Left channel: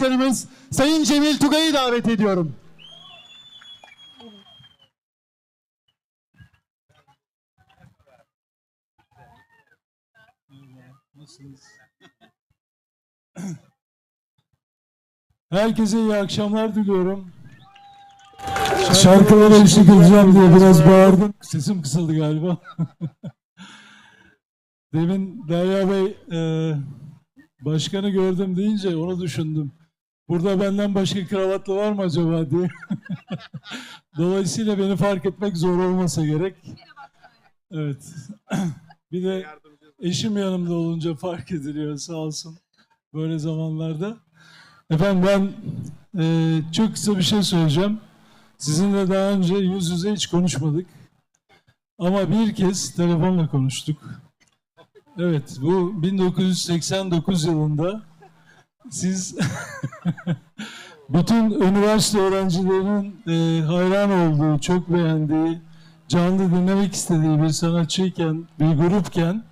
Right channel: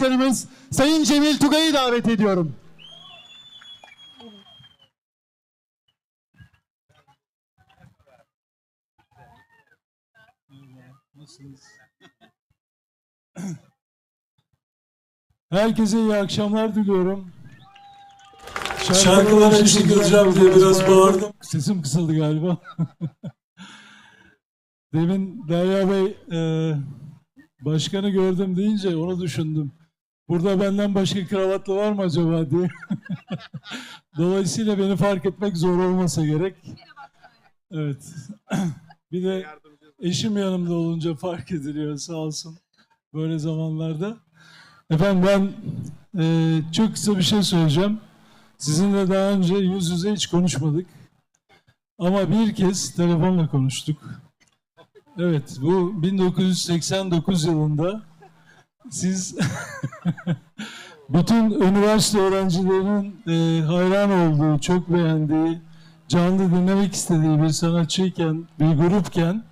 Başkanımız Sayın Cemil Tugay'ı davet ediyorum. Herkese iyi akşamlar diliyorum. Şarkılara eşlik edeceğim diye biraz bağırdım. Sesim kısıldı galiba. Demin Derya Bey e, başkanı gördüm deyince onu düşündüm. Burada benden başka kravatlı var mı acaba diye. Dolayısıyla beni fark etmek zor olmasa gerek. Evet. Bir de eşim yanımda olunca fark ediliyor sağ olsun böyle zamanlarda. Efendim ben e, çok kısa bir şey söyleyeceğim. Sizinle daha önce yüz yüze hiç konuşmadık. Ama bir kez telefonla konuştuk. Evet, bu 1989 yılında siz bütün üniversite öğrencilerinin e, hayran olduğu, çok beğendiği, canlı dinlemek istediği bir sanatçıyken, bir grupken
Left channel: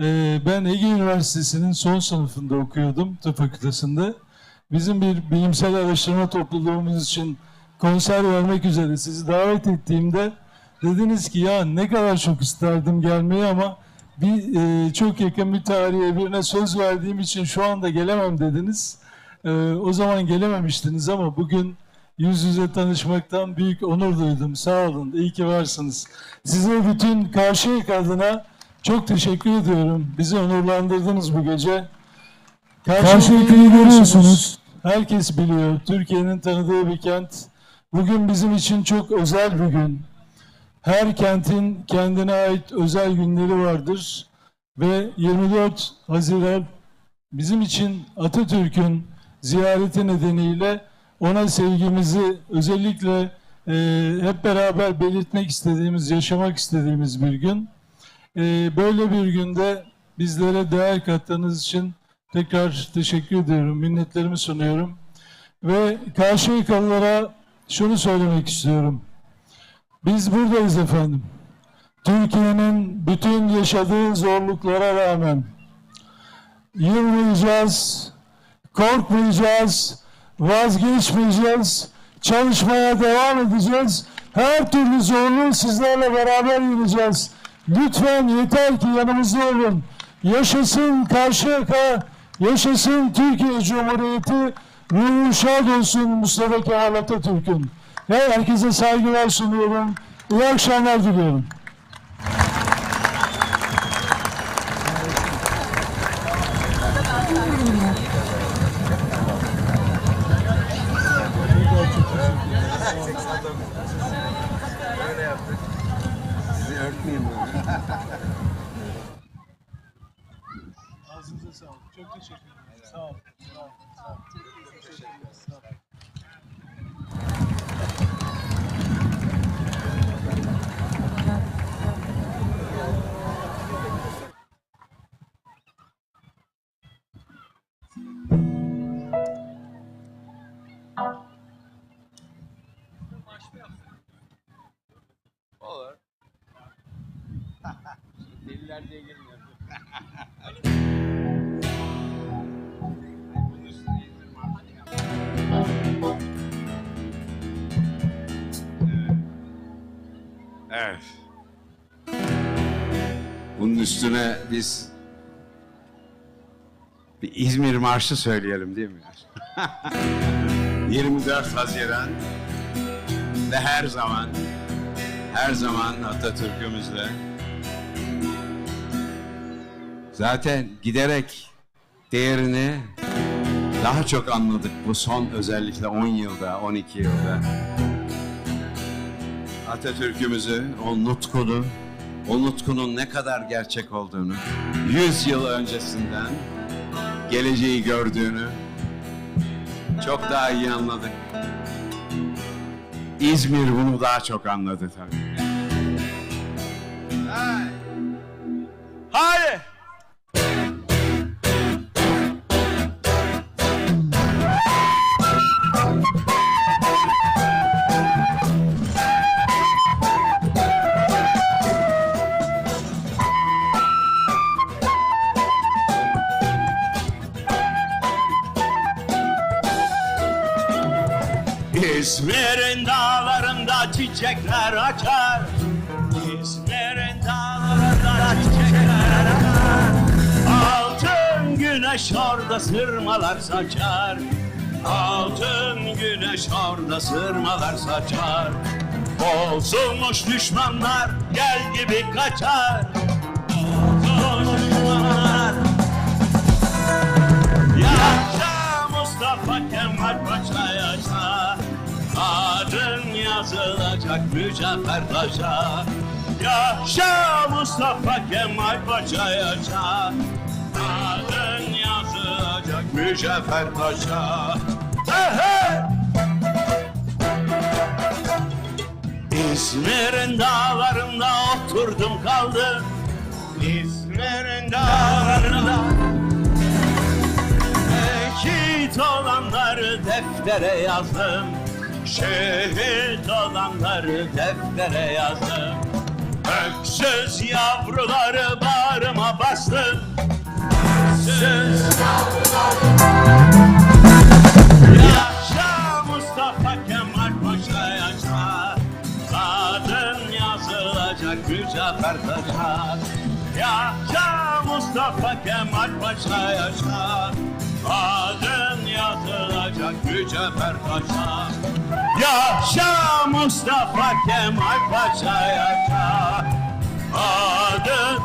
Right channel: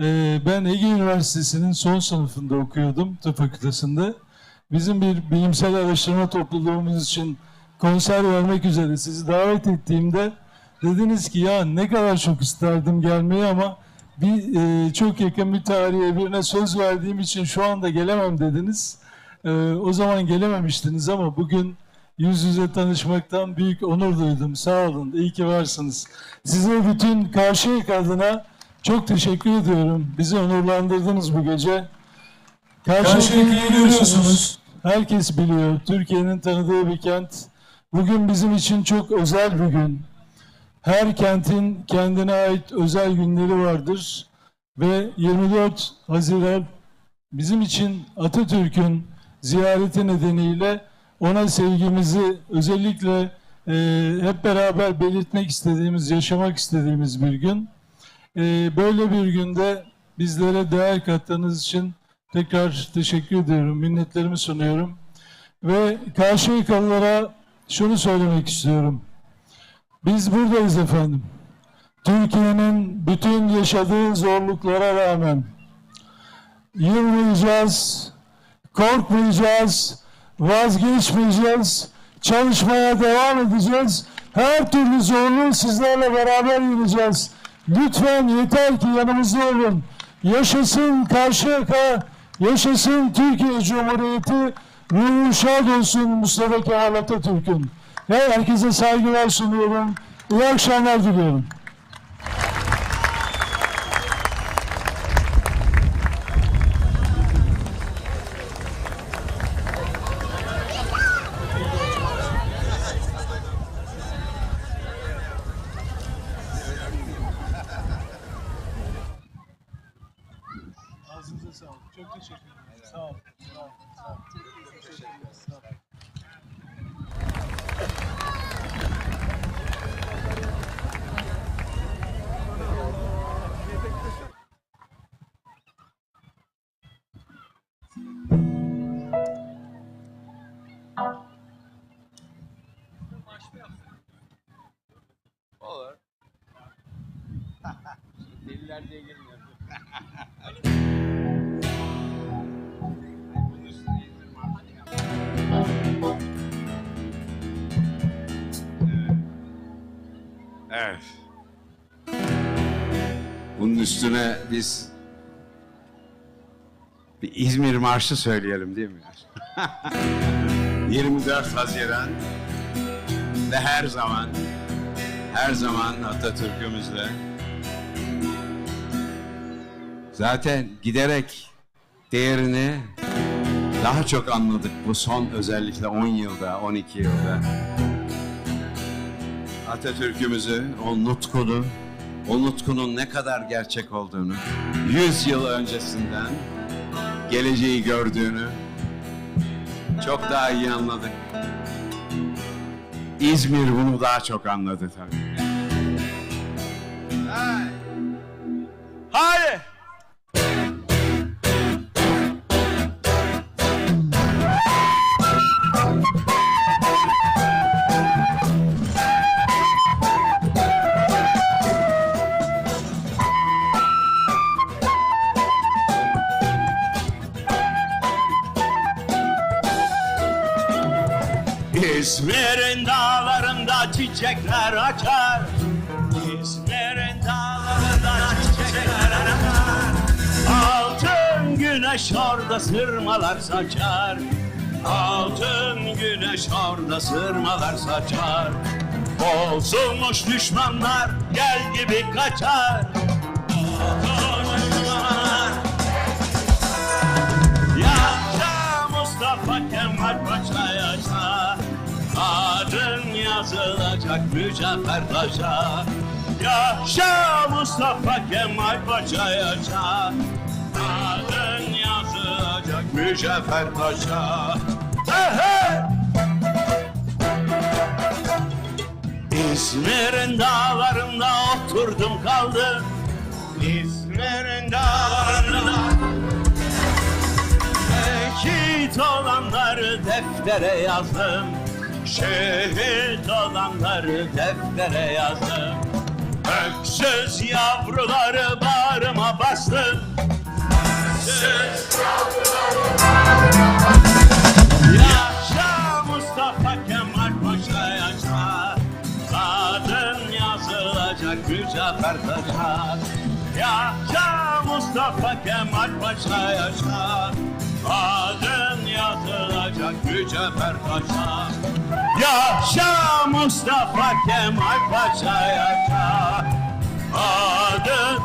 e, ben Ege Üniversitesi'nin son sınıfında okuyordum, tıp fakültesinde. Bizim bir bilimsel araştırma topluluğumuz için konser vermek üzere sizi davet ettiğimde dediniz ki ya ne kadar çok isterdim gelmeyi ama bir e, çok yakın bir tarihe birine söz verdiğim için şu anda gelemem dediniz. E, o zaman gelememiştiniz ama bugün yüz yüze tanışmaktan büyük onur duydum. Sağ olun, iyi ki varsınız. Size bütün Karşıyaka adına çok teşekkür ediyorum. Bizi onurlandırdınız bu gece. Karşıyaka'yı görüyorsunuz. Herkes biliyor. Türkiye'nin tanıdığı bir kent. Bugün bizim için çok özel bir gün. Her kentin kendine ait özel günleri vardır. Ve 24 Haziran bizim için Atatürk'ün ziyareti nedeniyle ona sevgimizi özellikle e, hep beraber belirtmek istediğimiz, yaşamak istediğimiz bir gün. E, böyle bir günde bizlere değer kattığınız için tekrar teşekkür ediyorum, minnetlerimi sunuyorum. Ve Karşıyakalılara şunu söylemek istiyorum. Biz buradayız efendim. Türkiye'nin bütün yaşadığı zorluklara rağmen yılmayacağız, korkmayacağız, vazgeçmeyeceğiz, çalışmaya devam edeceğiz. Her türlü zorluğu sizlerle beraber yeneceğiz. Lütfen yeter ki yanımızda olun. Yaşasın Karşıyaka, yaşasın Türkiye Cumhuriyeti, ruhu şad olsun Mustafa Kemal Atatürk'ün. Ve herkese saygılar sunuyorum. İyi akşamlar diliyorum. Ağzınıza sağlık. Çok teşekkür ederim. Olur. Deliler diye girmiyor. Evet. Bunun üstüne biz bir İzmir Marşı söyleyelim değil mi? 24 Haziran ve her zaman her zaman Atatürk'ümüzle zaten giderek değerini daha çok anladık bu son özellikle 10 yılda, 12 yılda. Atatürk'ümüzü, o nutkunu, o nutkunun ne kadar gerçek olduğunu, 100 yıl öncesinden geleceği gördüğünü çok daha iyi anladık. İzmir bunu daha çok anladı tabii. Hayır. İzmir'in dağlarında çiçekler açar. İzmir'in dağlarında çiçekler açar. Altın güneş orada sırmalar saçar. Altın güneş orada sırmalar saçar. Bozulmuş düşmanlar gel gibi kaçar. Bozulmuş düşmanlar. Yaşa Mustafa Kemal Paşa yaşa Adın yazılacak mücevher taşa Yaşa Mustafa Kemal Paşa yaşa Adın yazılacak mücevher taşa Hey! İzmir'in dağlarında oturdum kaldım. İzmir'in dağlarında. Şehit olanları deftere yazdım Şehit olanları deftere yazdım. Öksüz yavruları bağrıma bastım. Öksüz Yaşa Mustafa Kemal Paşa yaşa. Adın yazılacak mücevher taşa Yaşa Mustafa Kemal Paşa yaşa. Adın yazılacak mücevher taşa Yaşa Mustafa Kemal Paşa yaşa Adın